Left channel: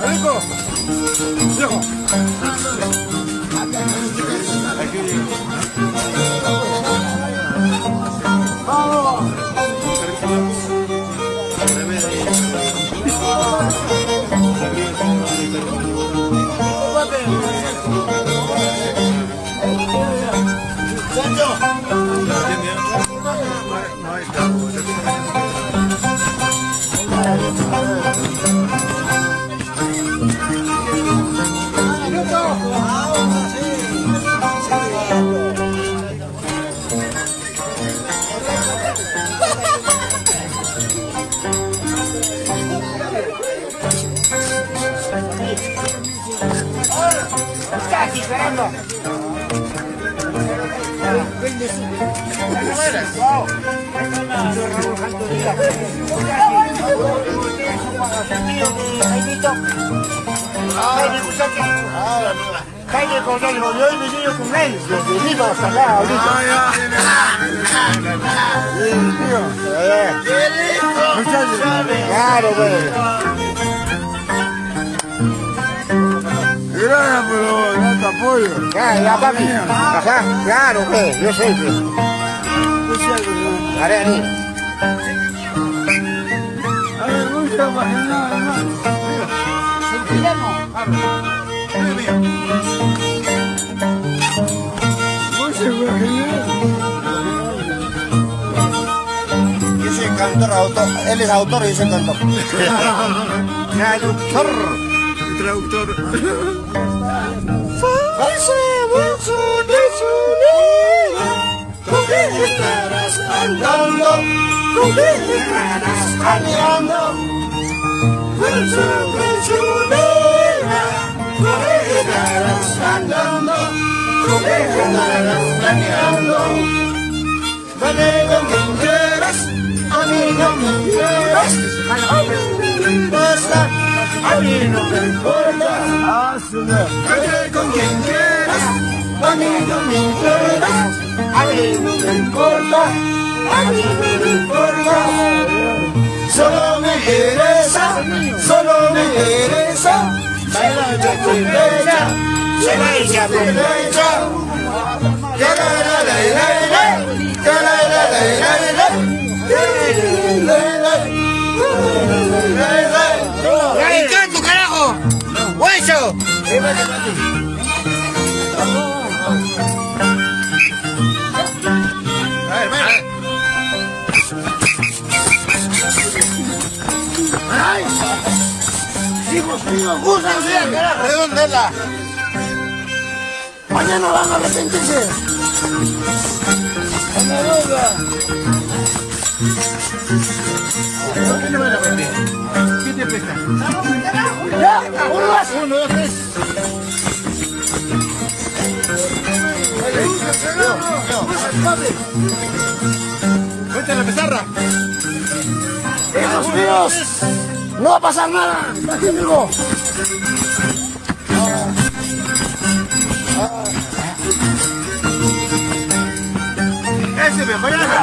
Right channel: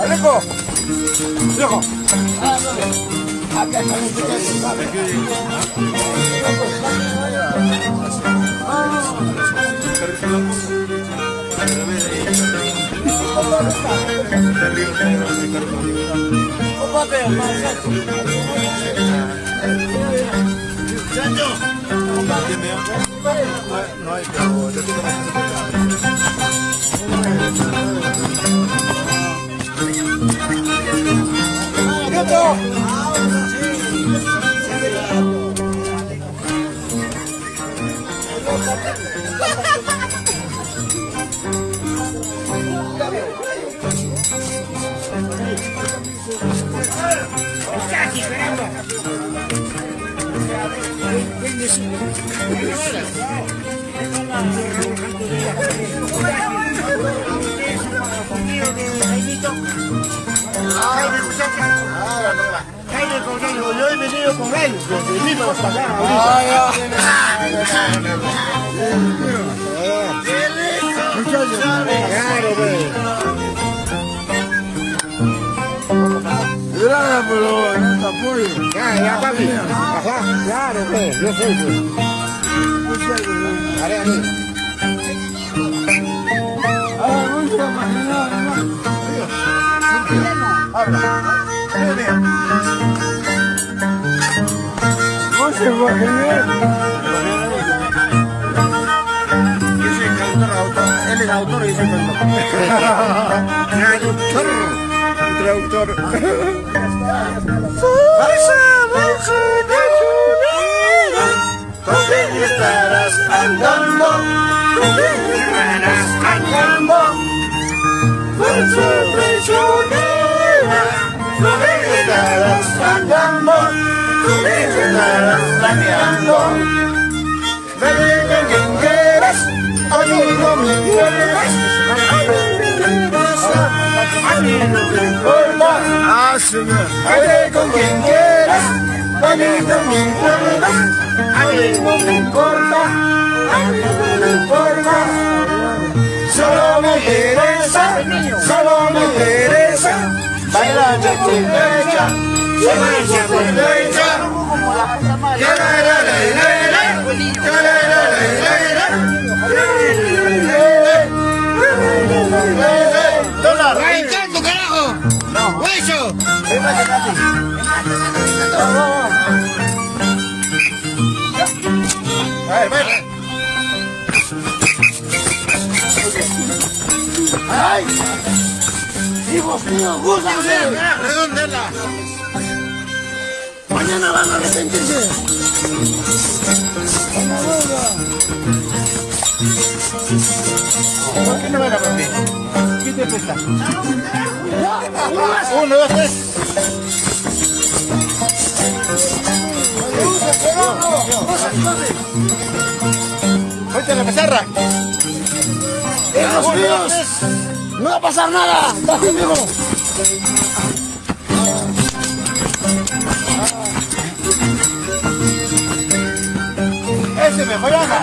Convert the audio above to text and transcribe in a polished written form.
¡Arrico! ¡Viejo! No hay cabo. Yo he venido con él, venido hasta acá. Muchachos, gracias por el apoyo. Claro, yo sé. Muchas yo soy cantautor, él es autor y yo soy traductor. Estarás andando, caminando, prisionera, estarás andando, planeando. Vete con quien quieras, a mí no me importas, a mí no me importa. Ah, señor. Vete con quien quieras, a mí no me importa, a mí no me importa, a mí no me importa. Solo me interesa, bailar ya estoy derecha, ya estoy derecha. ¡Ay! ¡Hijos míos, búsquense! ¡Redóndela! Mañana van a arrepentirse. ¿Por qué le van a arrepentir? ¿Qué te pesa? Uno, dos, tres. ¡Ponte la pizarra! ¡Hijos míos! ¡No va a pasar nada! ¡Estás conmigo! ¡Ese me mañana!